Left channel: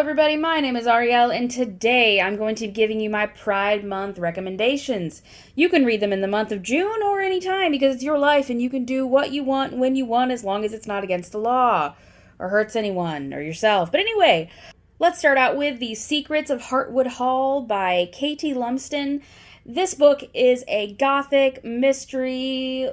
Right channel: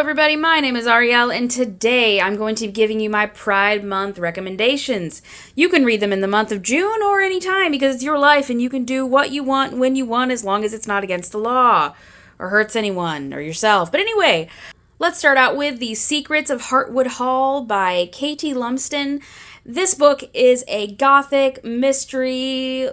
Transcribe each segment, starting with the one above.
everybody, my name is Ariel, and today I'm going to be giving you my Pride Month recommendations. You can read them in the month of June or any time because it's your life and you can do what you want when you want as long as it's not against the law or hurts anyone or yourself. But anyway, let's start out with The Secrets of Heartwood Hall by Katie Lumsden. This book is a gothic mystery,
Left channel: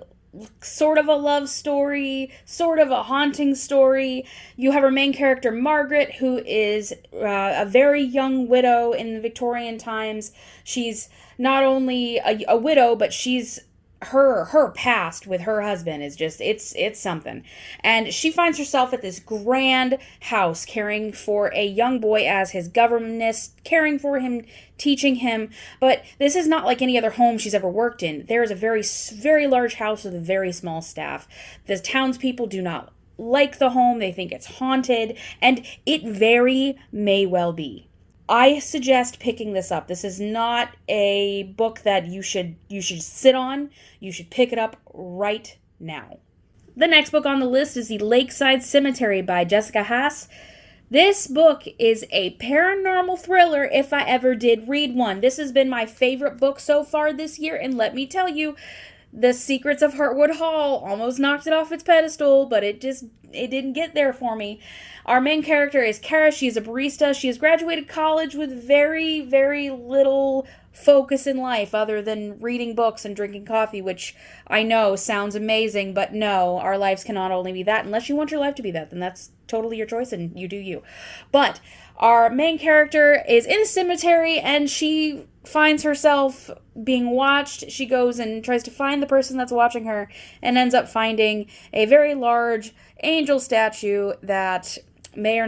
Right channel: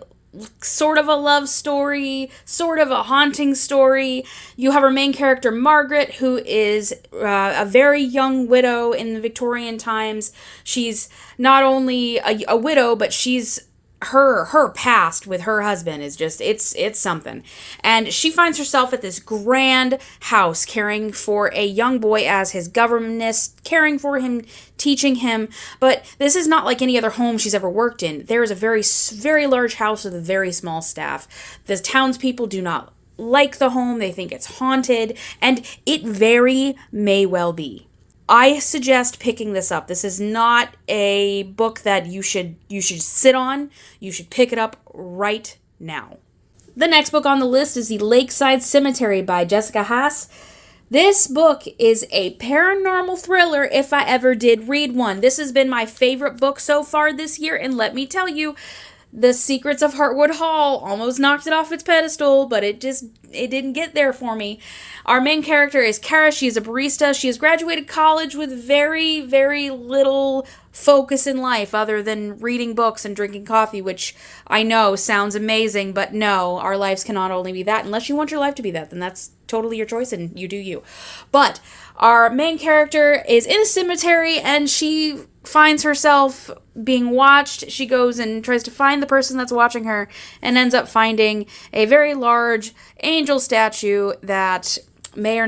sort of a love story, sort of a haunting story. You have our main character, Margaret, who is a very young widow in the Victorian times. She's not only a widow, but she's her past with her husband is just it's something. And she finds herself at this grand house caring for a young boy as his governess, caring for him, teaching him. But this is not like any other home she's ever worked in. There is a very large house with a very small staff. The townspeople do not like the home. They think it's haunted, and it very may well be. I suggest picking this up. This is not a book that you should sit on. You should pick it up right now. The next book on the list is The Lakeside Cemetery by Jessica Haas. This book is a paranormal thriller if I ever did read one. This has been my favorite book so far this year, and let me tell you, The Secrets of Heartwood Hall almost knocked it off its pedestal, but it didn't get there for me. Our main character is Kara. She is a barista. She has graduated college with very, very little focus in life other than reading books and drinking coffee, which I know sounds amazing, but no, our lives cannot only be that. Unless you want your life to be that, then that's totally your choice and you do you. But our main character is in a cemetery and she finds herself being watched. She goes and tries to find the person that's watching her and ends up finding a very large angel statue that may or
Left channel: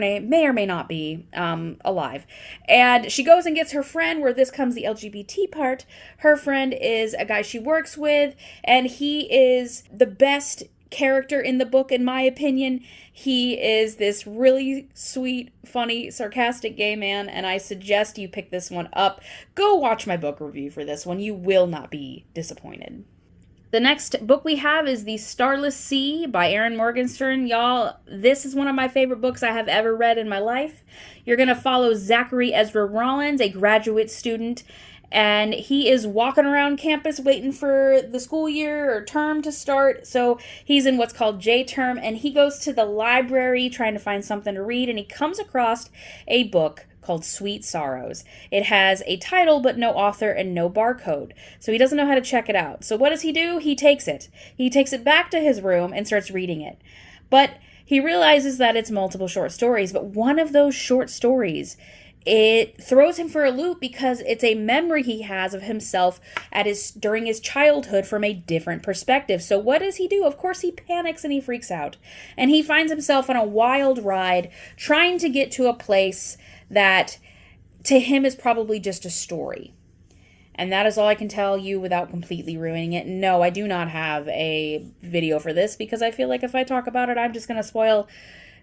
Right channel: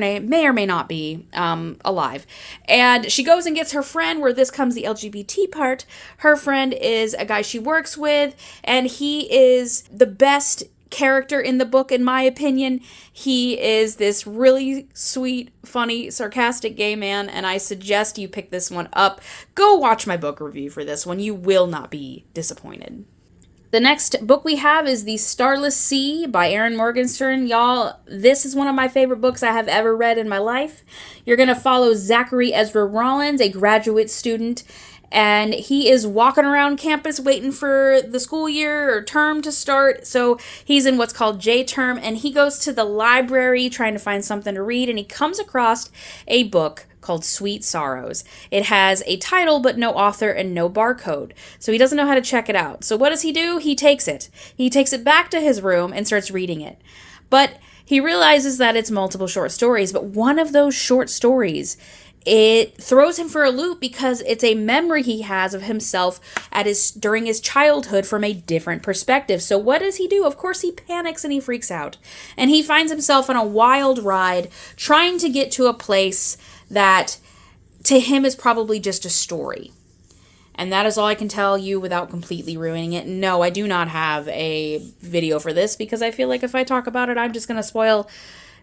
may not be alive. And she goes and gets her friend, where this comes the LGBT part. Her friend is a guy she works with, and he is the best character in the book, in my opinion. He is this really sweet, funny, sarcastic gay man, and I suggest you pick this one up. Go watch my book review for this one. You will not be disappointed. The next book we have is The Starless Sea by Erin Morgenstern. Y'all, this is one of my favorite books I have ever read in my life. You're going to follow Zachary Ezra Rollins, a graduate student, and he is walking around campus waiting for the school year or term to start. So he's in what's called J-term, and he goes to the library trying to find something to read, and he comes across a book called Sweet Sorrows. It has a title but no author and no barcode, so he doesn't know how to check it out. So what does he do? He takes it. He takes it back to his room and starts reading it. But he realizes that it's multiple short stories, but one of those short stories, it throws him for a loop because it's a memory he has of himself during his childhood from a different perspective. So what does he do? Of course, he panics and he freaks out. And he finds himself on a wild ride trying to get to a place that to him is probably just a story. And that is all I can tell you without completely ruining it. No, I do not have a video for this because I feel like if I talk about it, I'm just going to spoil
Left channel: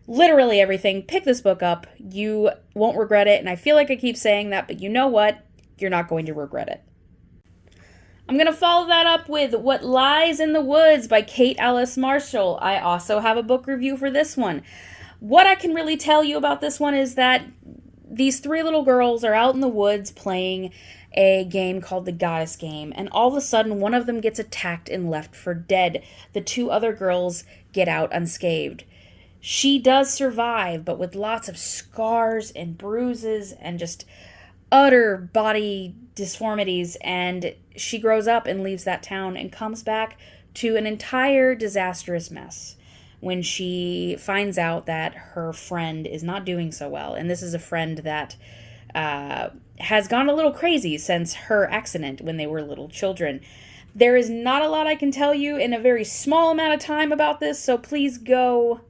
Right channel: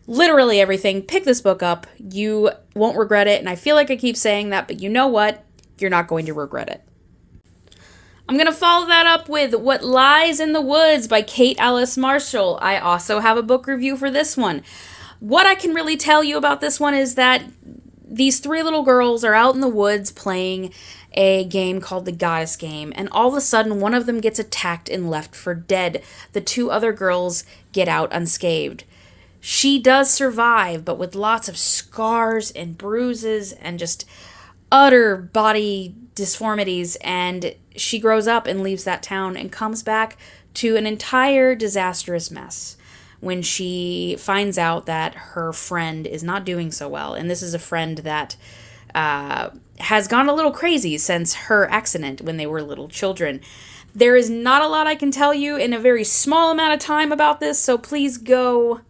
literally everything. Pick this book up. You won't regret it. And I feel like I keep saying that, but you know what? You're not going to regret it. I'm going to follow that up with What Lies in the Woods by Kate Alice Marshall. I also have a book review for this one. What I can really tell you about this one is that these three little girls are out in the woods playing a game called the Goddess Game, and all of a sudden one of them gets attacked and left for dead. The two other girls get out unscathed. She does survive, but with lots of scars and bruises and just utter body disformities, and she grows up and leaves that town and comes back to an entire disastrous mess when she finds out that her friend is not doing so well. And this is a friend that has gone a little crazy since her accident when they were little children. There is not a lot I can tell you in a very small amount of time about this, so please go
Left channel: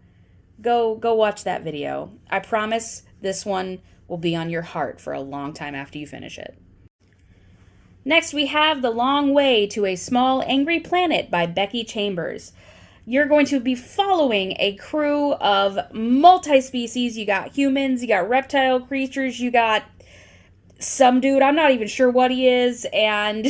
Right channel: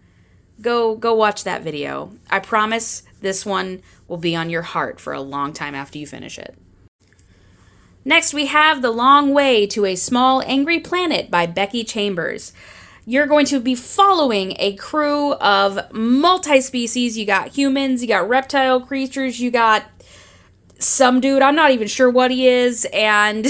watch that video. I promise this one will be on your heart for a long time after you finish it. Next, we have The Long Way to a Small Angry Planet by Becky Chambers. You're going to be following a crew of multi-species. You got humans, you got reptile creatures, you got some dude, I'm not even sure what he is, and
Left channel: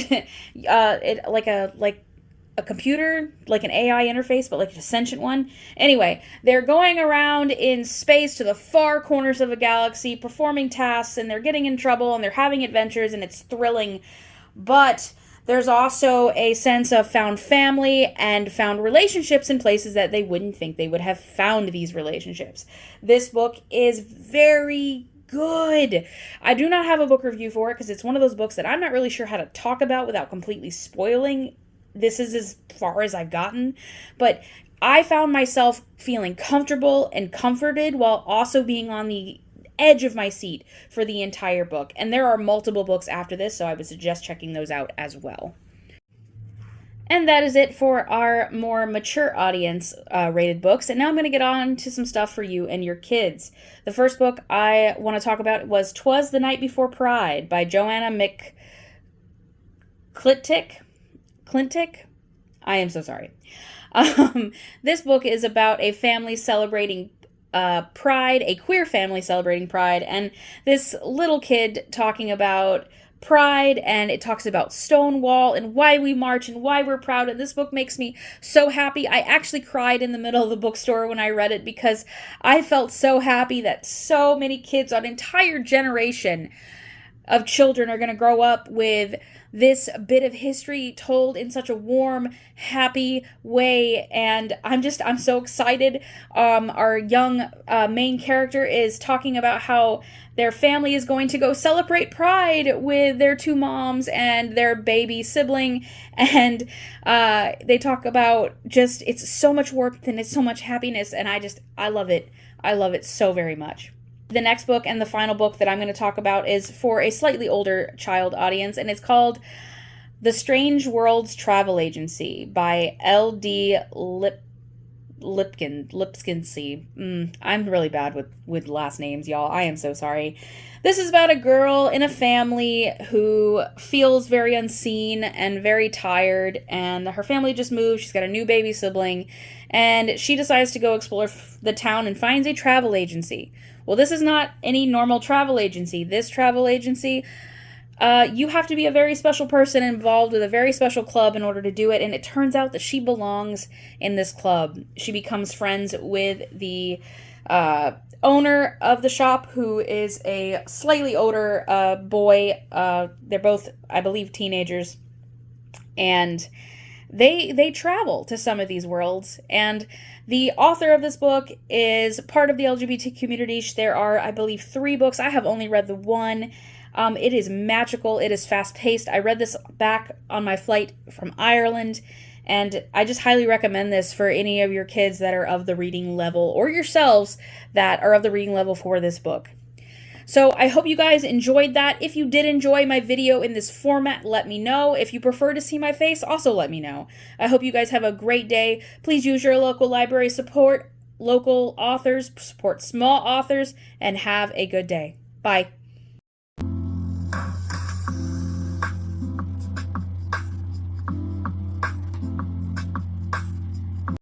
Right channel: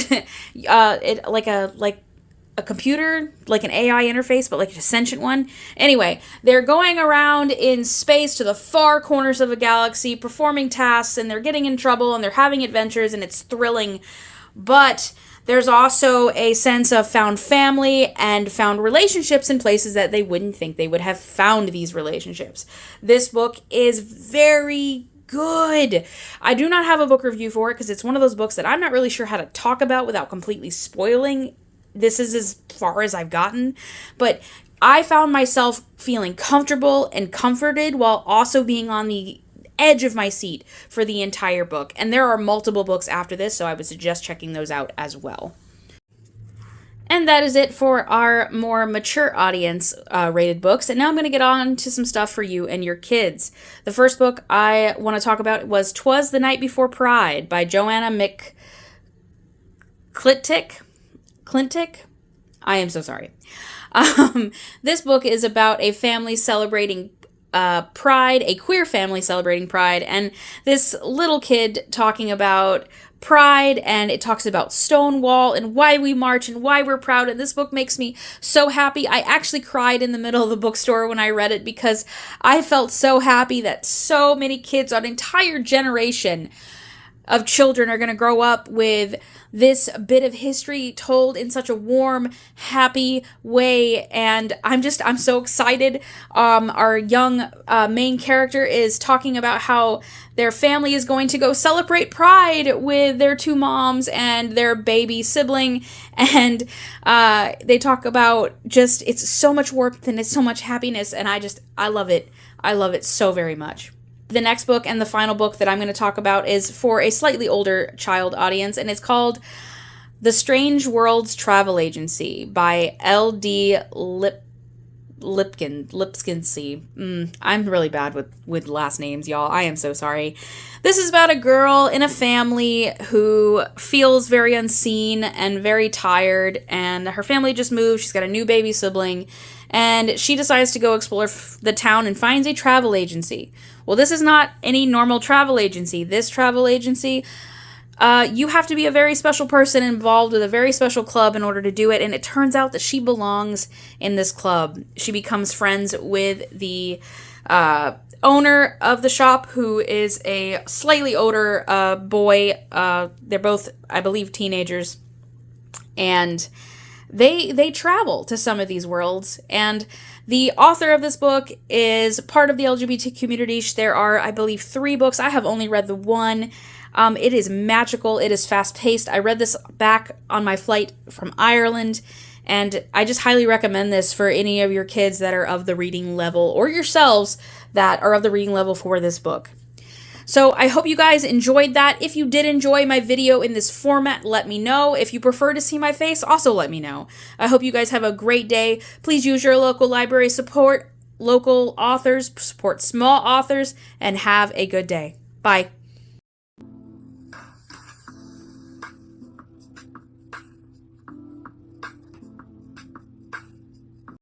a computer, like an AI interface, but like a sentient one. Anyway, they're going around in space to the far corners of the galaxy, performing tasks, and they're getting in trouble, and they're having adventures, and it's thrilling. But there's also a sense of found family and found relationships in places that they wouldn't think they would have found these relationships. This book is very good. I do not have a book review for it because it's one of those books that I'm not really sure how to talk about without completely spoiling. This is as far as I've gotten, but I found myself feeling comfortable and comforted while also being on the edge of my seat for the entire book. And there are multiple books after this, so I would suggest checking those out as well. And that is it for our more mature audience rated books. And now I'm going to get on to some stuff for you and your kids. The first book I want to talk about was Twas the Night Before Pride by Joanna McClintic. I am so sorry. This book is about a family celebrating pride, a queer family celebrating pride, and this little kid talking about pride, and it talks about Stonewall and why we march and why we're proud, and this book makes me so happy. I actually cried in the middle of the bookstore when I read it because I felt so happy that so many kids, an entire generation of children, are going to grow up with this bit of history told in such a warm, happy way, and I'm so excited. Our young main character is talking about how their family is going to go celebrate Pride with their two moms and their baby sibling, and they talk about just, it's so much warmth and it's so much happiness, and I love it. I love it so very much. The next book and the final book that I'm going to talk about is for a slightly older child audience, and it's called The Strangeworld's Travel Agency by L.D. Lipskinsey. I'm really bad with last names, y'all. I am so sorry. This is about a girl in a family who feels very unseen and very tired, and her family just moved. She's got a new baby sibling, and she decides to go explore the town and finds a travel agency. Well, this is not any normal travel agency. This travel agency, you have to be a very special person involved with a very special club in order to do it, and it turns out that she belongs in this club. She becomes friends with the owner of the shop, who is a slightly older boy. They're both, I believe, teenagers, and they travel to some of these worlds, and the author of this book is part of the LGBT community. There are, I believe, 3 books. I have only read the one. It is magical. It is fast-paced. I read this back on my flight from Ireland, and I just highly recommend this for any of your kids that are of the reading level, or yourselves that are of the reading level for this book. So I hope you guys enjoyed that. If you did enjoy my video in this format, let me know. If you prefer to see my face, also let me know. I hope you guys have a great day. Please use your local library, support local authors, support small authors, and have a good day. Bye.